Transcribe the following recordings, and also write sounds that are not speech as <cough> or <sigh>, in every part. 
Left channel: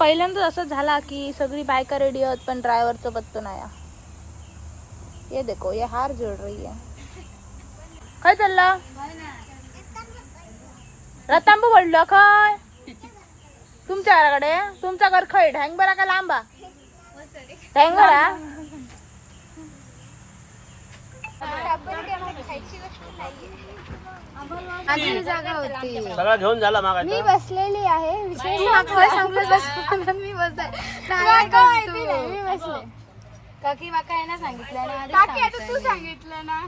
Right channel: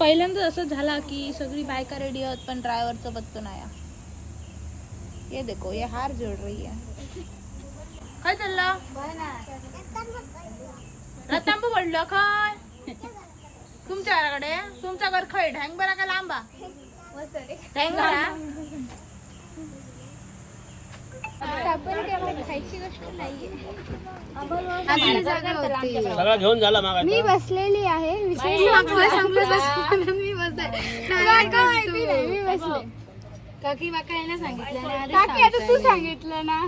पहिल्यांदाच असं झाला की सगळी बायका रेडी आहेत पण ड्रायव्हरचं पत्तो नाही ये देखो ये हार जोड रही है काय चाललं? रतांबू पडलं काय? तुमच्या घराकडे? तुमचा घर खय ढँग बरा का लांबा? ढँग बरा? आधी जागा होती. सगळा घेऊन झाला मागा मी बसलेली आहे विशेष मी मी बसले. काकी बाका यांना सांगितलं ना काकी आता तू सांगितलं ना.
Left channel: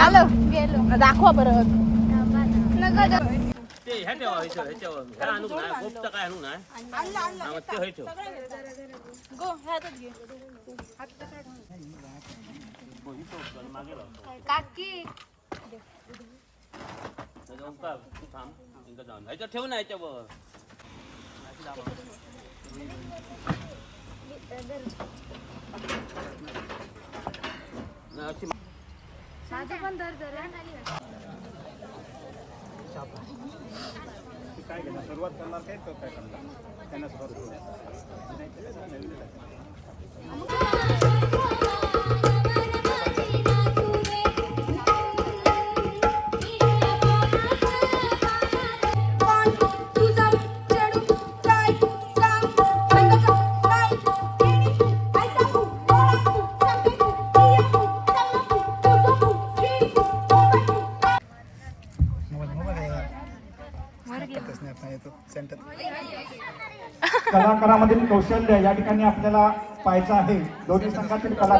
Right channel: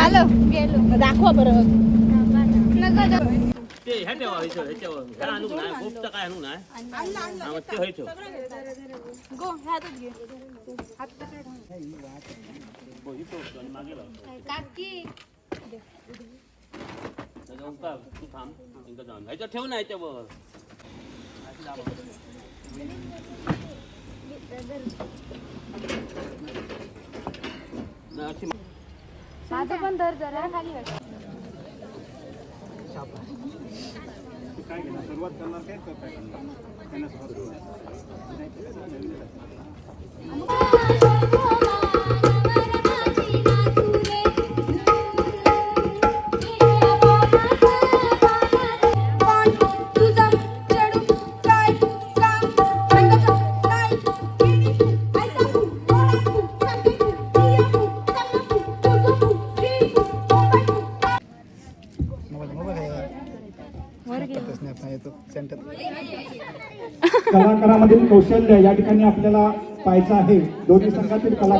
आलो. गेलो. दाखवा नका जाऊ. ते ह्या ठेवा ह्याच्यावर ह्याच्यावर ह्या आणू नाही गोपचं काय आणू नाही हा, मग ते हे ठेव. गो घे. हो, होतं. काकी. तू थांब इकडं जाऊन ह्याच्यावर ठेव ना ह्याच्यावर. माझं पण दर जरा. खाली काय घेणार? सुरुवात करणार काय? करणार? त्यांना सुरुवात कलाकारामधील कौशल्य या ठिकाणी आपल्याला पाहायचं आहे. दोन्ही संघातील कला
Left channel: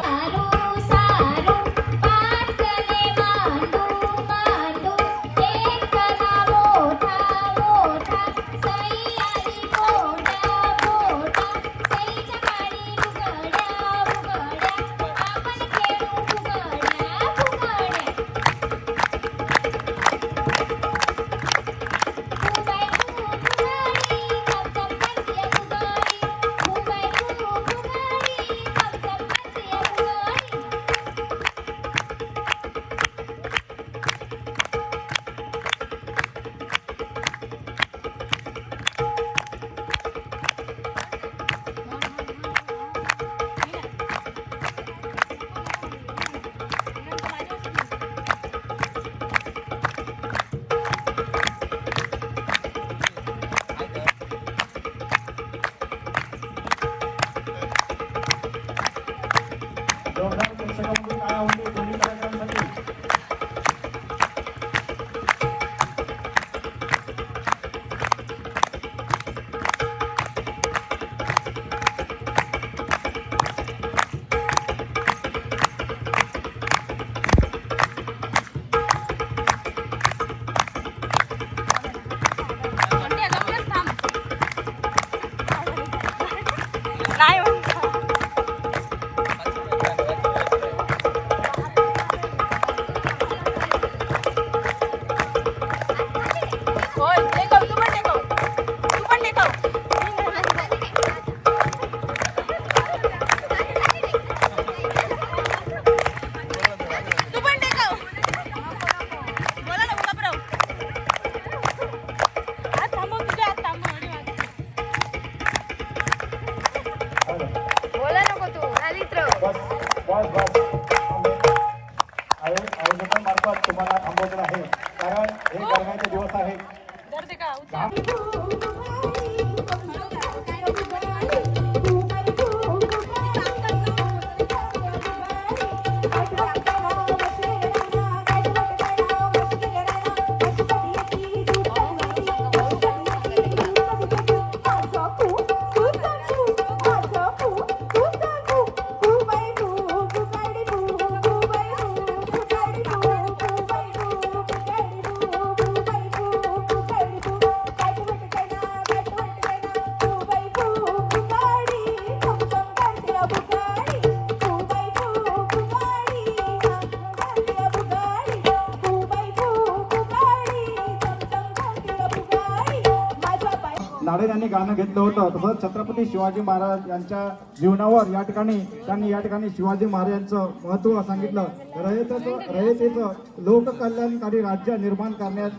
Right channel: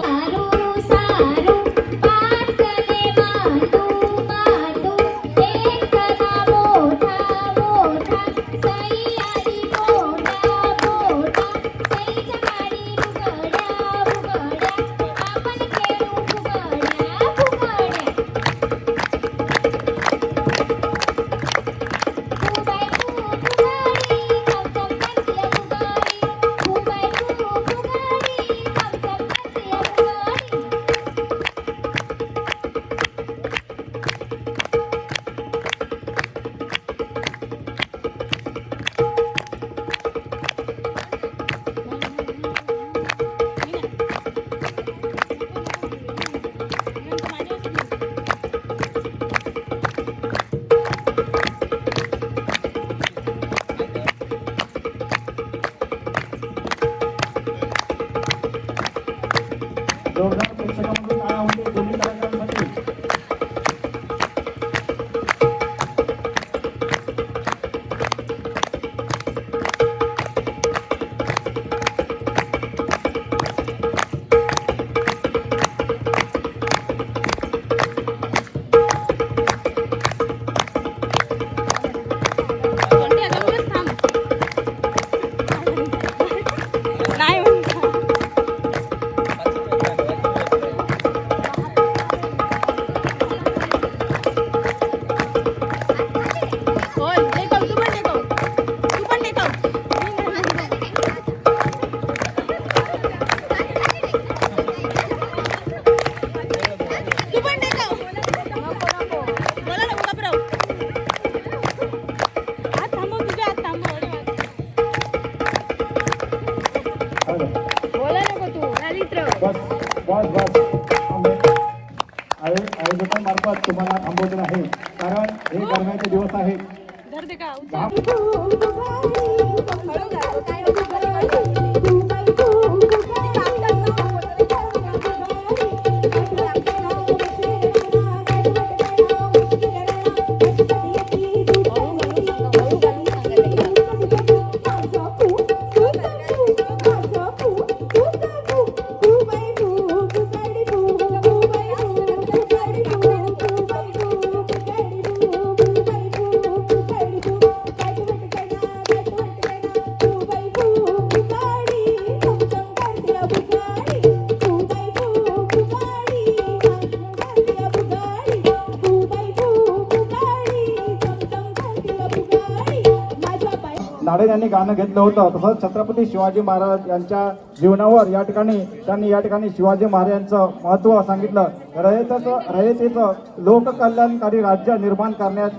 झाडे यांनी गाणं घेतलं होतं. तसंच छत्रपती शिवाजी महाराज यांच्या जीवनावर या ठिकाणी त्यांनी या ठिकाणी शिवाजी महाराजांचं महत्त्व सांगितलं. रयतेचं रयतेचं लोककल्याणकारी राज्य निर्माण करण्यात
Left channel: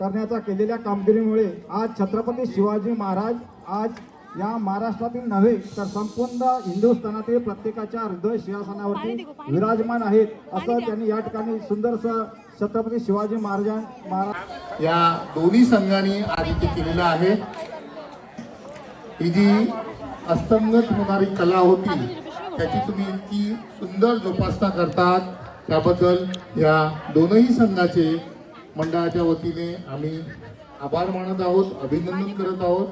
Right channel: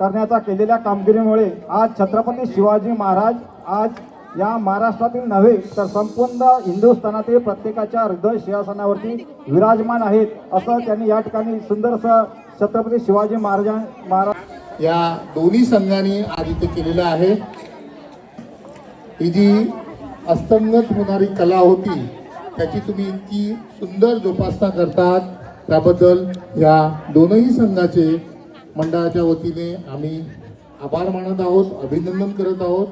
करण्याचा केलेल्या कामगिरीमुळे आज छत्रपती शिवाजी महाराज आज या महाराष्ट्रातील नव्हे तर संपूर्ण हिंदुस्थानातील प्रत्येकाच्या हृदय सिंहासनावरती विराजमान आहेत असं त्यांनी या ठिकाणी सुंदरसं छत्रपती शिवाजी महाराज महाराज या दोन्ही संघांनी आज इथे केलेलं आहे. ही जी अस्तंगत होणारी कला होती त्याची तुम्ही इतकी सुंदर जोपासना करतात. त्याबद्दल या दोनही संघाचे मंडळाच्या वतीने आम्ही आभार मानत आहोत अभिनंदन करत आहोत.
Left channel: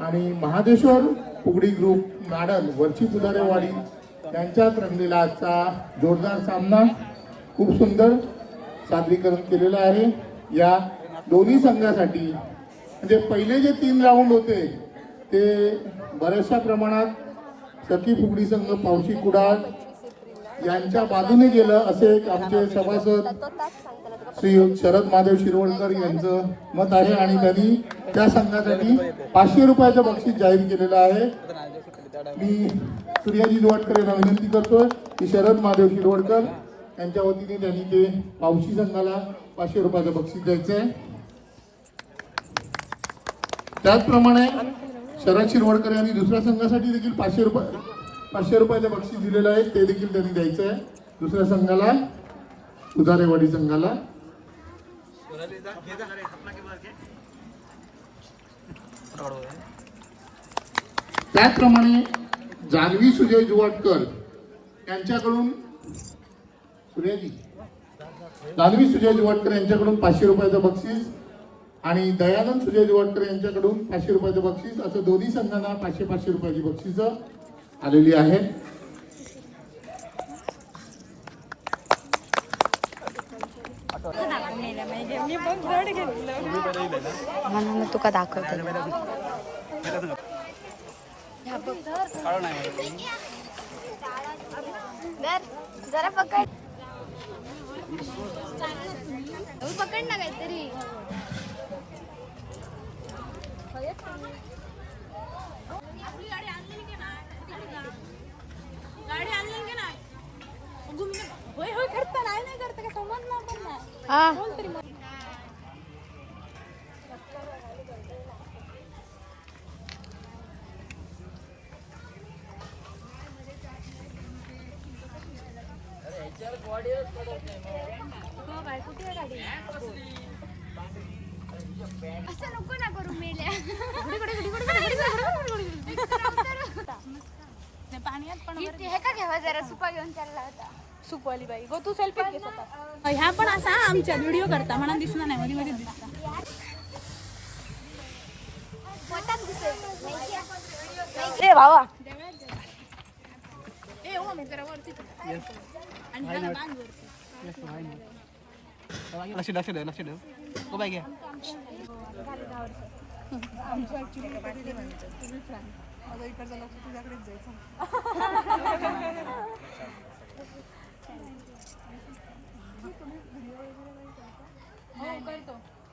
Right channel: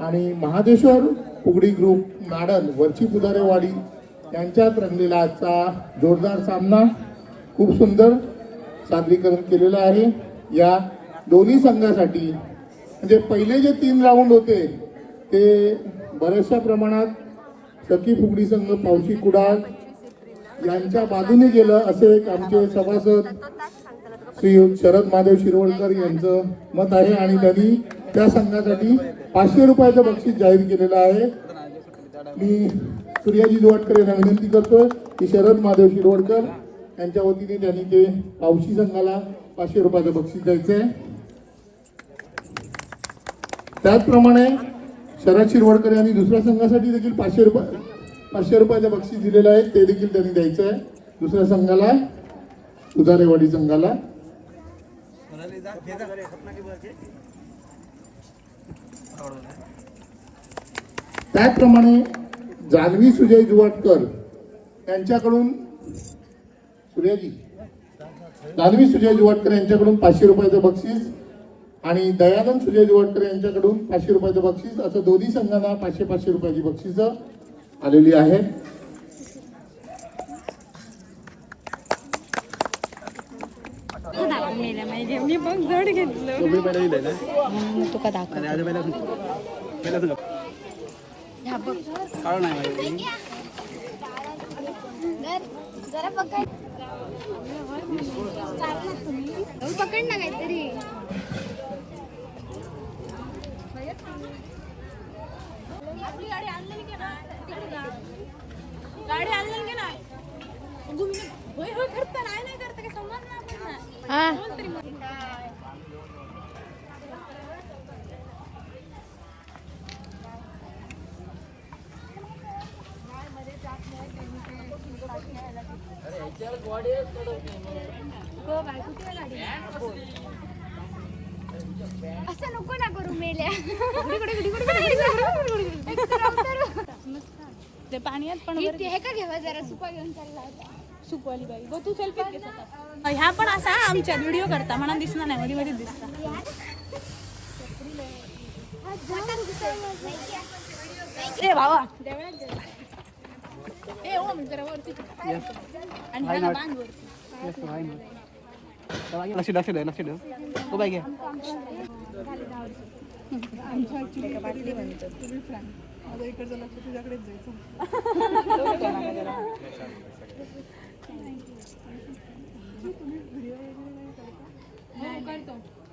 आणि महादेश्वर पुगडी ग्रुप नाडल वरची पुधारेवाडी यांच्यात रंगलेला आजचा जोरदार सामना. खूप सुंदर सादरीकरण केलेलं आहे. या दोन्ही संघासाठी म्हणजे पहिले जे तीन राऊंड होते ते बऱ्याचशा प्रमाणात सखी फुगडी संघ पावशी कुडाळ यांच्या बाजूने गेलं. असे एक आमचे सभासद श्री शरद महादेव शिरवळकर यांचं मत आहे आणि त्यांनी त्या संघासाठी पाचशे रुपयाचं बक्षीस जाहीर केलेलं आहे. मी सूर्याजी दुवाटकर यांना विनंती करतोय की शरद महादेव शिरवडकर यांच्या वतीने त्यांनी ते पावशी संघाला पाचशे रुपयाचं बक्षीस द्यायचं आहे त्याचप्रमाणे शरद शिरवडकर यांनी दुसऱ्या संघासाठी देखील पाचशे रुपये पाचशे रुपयाचं बक्षीस दिलेलं आहे. ते देखील त्यांनी द्यायचं आहे दुसऱ्या संघाला उदारेवाडी संघाला. त्याचप्रमाणे जान्हवी सुजय जुवाटकर यांच्याकडून सूर्याजी जान्हवी सुजय जुवाटकर यांच्याकडून पाचशे रुपयाचं बक्षीस आणि दयानंद सुजय जुवाटकर यांच्याकडून पाचशे रुपयाचं बक्षीस. असं दोन्ही संघांना पाचशे पाचशे रुपयाची बक्षीस आलेली आहे म्हणून तुका दाखवते. जरा पकड. पकड ना काहीतरी. आपली गाडी आणलेली की नाही गाडी आणलेली की? नाही नाही नाही करतं काय समजणार असं नको ना करू मेल्या. ते पाण्यात पण हे का घ्यावा जरा? सुपा घेऊन चालला होता. बाई गो तू सेल्फी. ह्या पण असा आमच्या व्हिडिओ करता. म्हणून दिसणार नाही. मध्ये मध्ये दिसता. ए भावा. ए ओ मी जरा वरती आणि ह्याला बांध वरती. लक्ष लक्ष द्या लक्ष द्या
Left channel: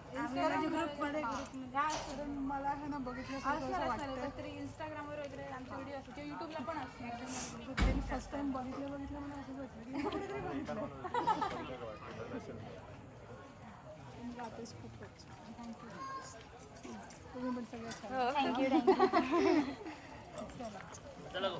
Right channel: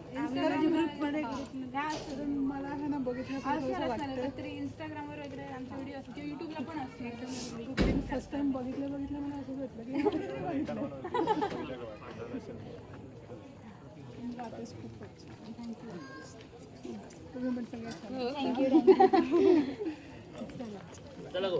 हो. घ्या तरी इंस्टाग्रामवर वगैरे आमचे व्हिडिओ असतात. किंवा युट्यूबला पण असतात फर्स्ट टाइम बघितलं बघितलं मला असं वाटलं <laughs> <laughs> <laughs> चला. गो.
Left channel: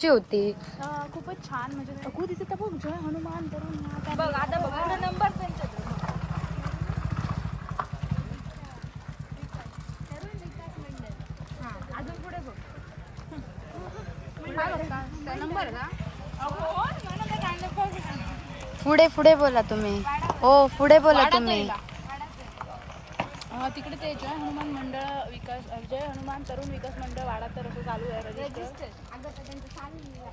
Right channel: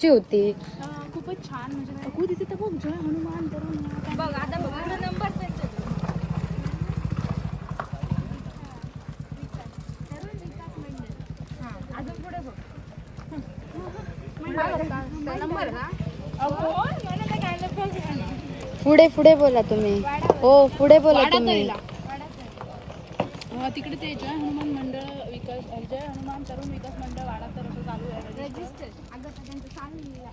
ची होती. अं, खूपच छान म्हणजे अगो तिथे तर बघ जय हनुमान तरुण बघ आता बघ नंबर अजून पुढे बघ. नंबर नको. पुढे पुढे बोला तुम्ही. हो पुढे बोला तुम्ही. तिकडे ते जय हनुमान मंडळ विकास जय हनुमान तरुण विकास मंडळ वाडा तर असं चालू आहे रजिस्टर अगं तर त्यांचं चालू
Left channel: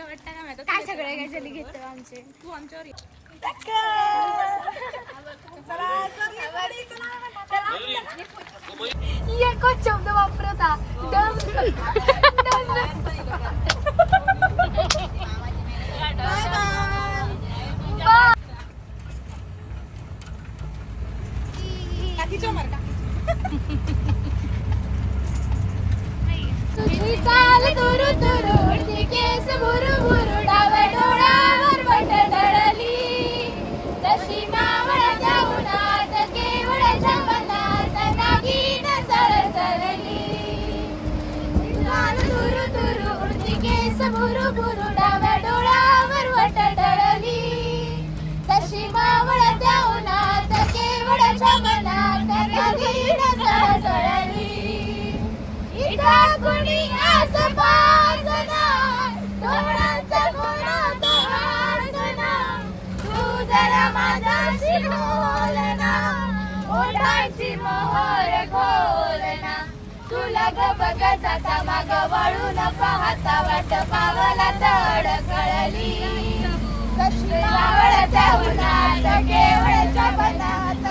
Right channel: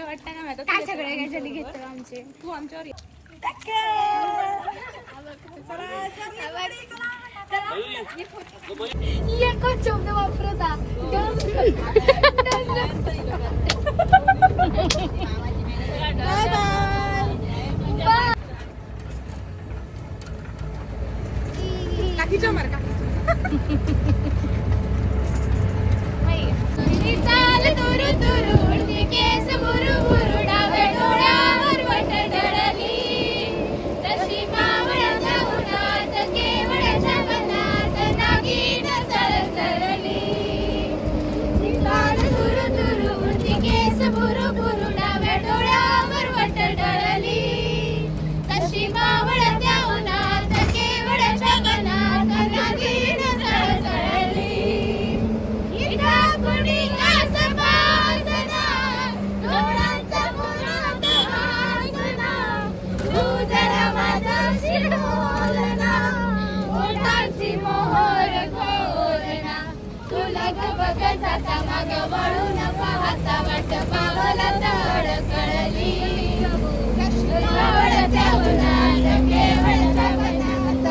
वाटतं का माहिती काय सगळे काय आमचे? तू आमच्यावर एकच शब्द वापरता <laughs> मग बघ जाता मग वळून पाहता वाट पावला तळ कळली. केवळ तपनात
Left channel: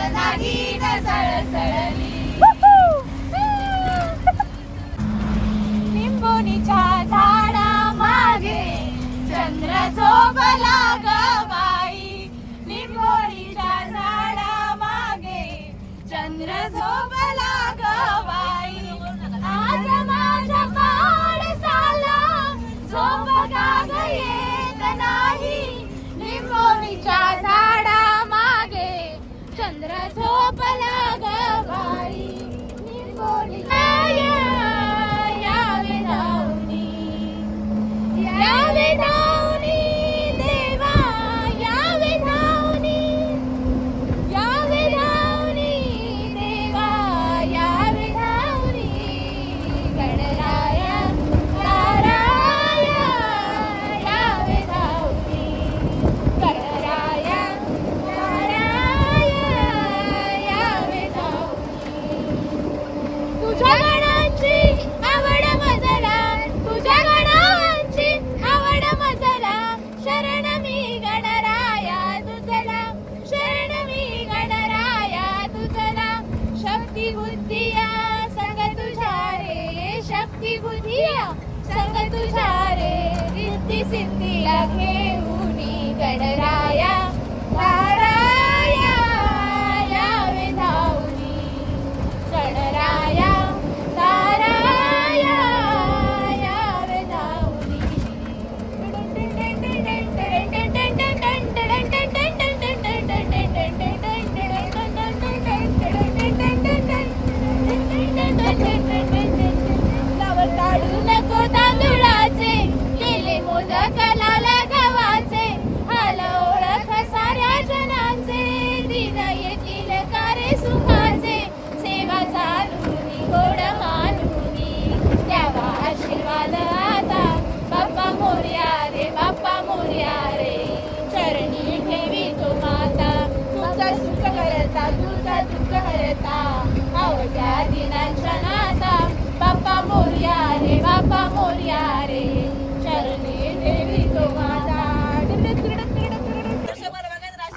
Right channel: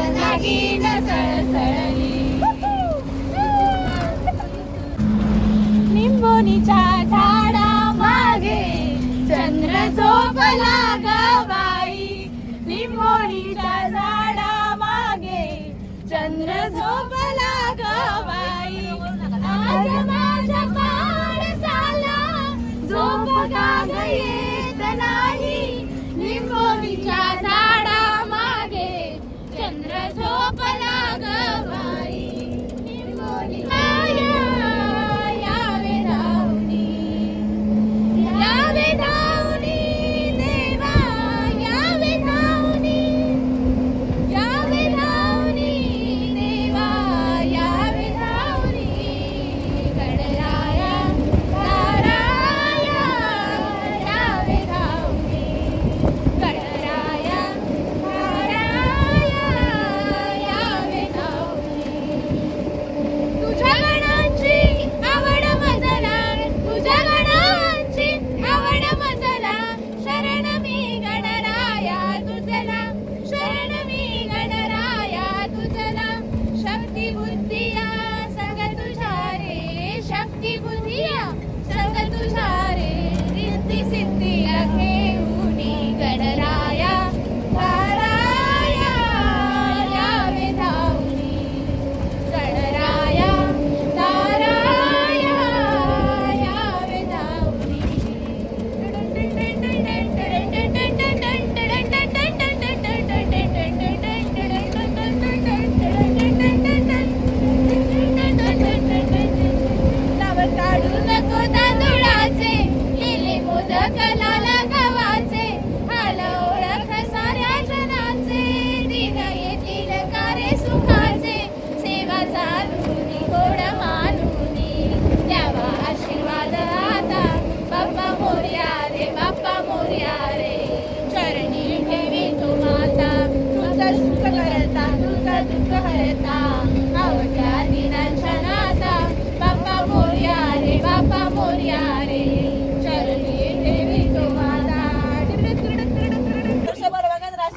channel.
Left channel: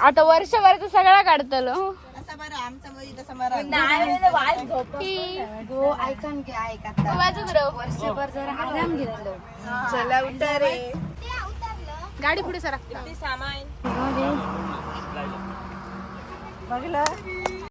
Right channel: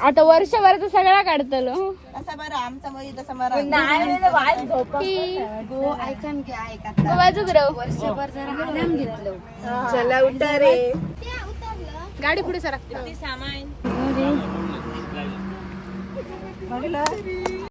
आता वर्षभराचा सगळा काढतलो हो. असं बरं बरं. वाजत राहू वर्षभर जर चला उठा रे. गाडी पुढे सरकते सामान? बघलं